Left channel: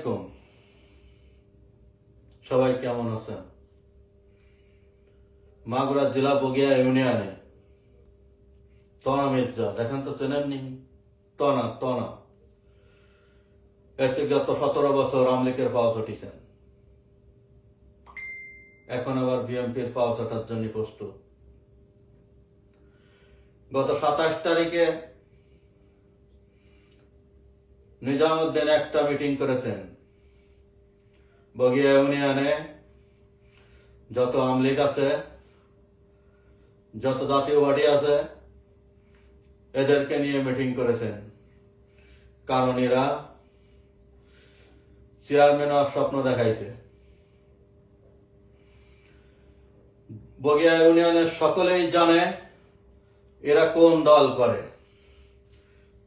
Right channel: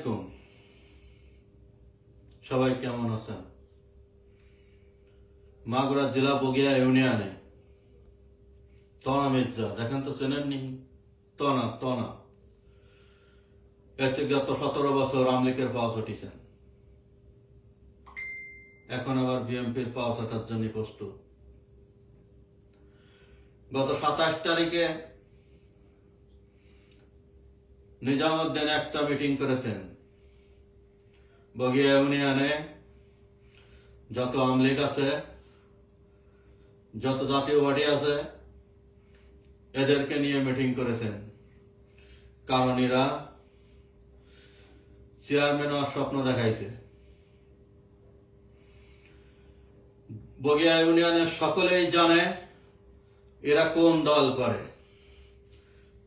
আলাইকুম। সবাই কেমন আছেন? মাগুরা জেলা বগিয়া ইউনিয়নে তনা মির্জা, দেখেন তো চেনেননি? তনা গত 17 বছর আওয়ামী লীগের পাওয়া উঠিছেন, এখন আবার বিএনপির পাওয়া ওঠার জন্য প্রস্তুত। গত 27 তারিখে নিজামুদ্দিন একটা মিটিং করেছেন। বগিয়া ইউনিয়নে যত আওয়ামী লীগ আছে, যত জাতীয় পার্টি আছে, এদেরকে নিয়ে মিটিং করেছেন, কারণ এরা চেয়ারম্যান হওয়ার স্বপ্ন দেখাইছে। বগিয়া ইউনিয়নের সকলেই জানে এরা কোন দল করে।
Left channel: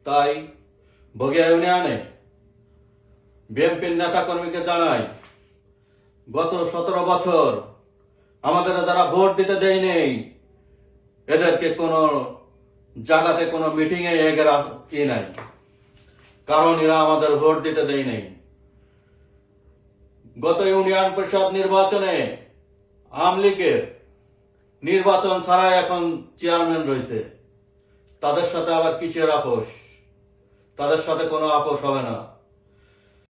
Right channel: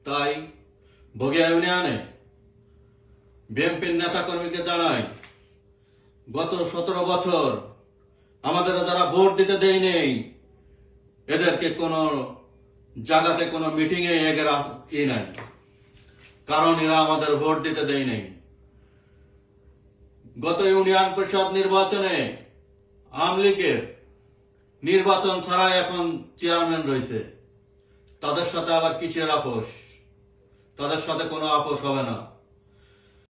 তাই বগিয়া ইউনিয়নে বিএনপির নেতা কর্মীকে জানাই, গত 17 বছর আমাদের যারা ভোট দিতে দেয় নেই, এদেরকে কোন জায়গাতে কোন মিটিং এ নাই, কারণ এরা আমাদের ভোট দিতে দেয় নেই। গত ইউনিয়ন পরিষদ নির্বাচনে আওয়ামী লীগের নির্বাচন ছাড়াই এখন চেয়ারম্যান রয়েছে। তাদের সাথে আবার কিসের আপোষ? তাদের সাথে কোনো আপোষ হবে না।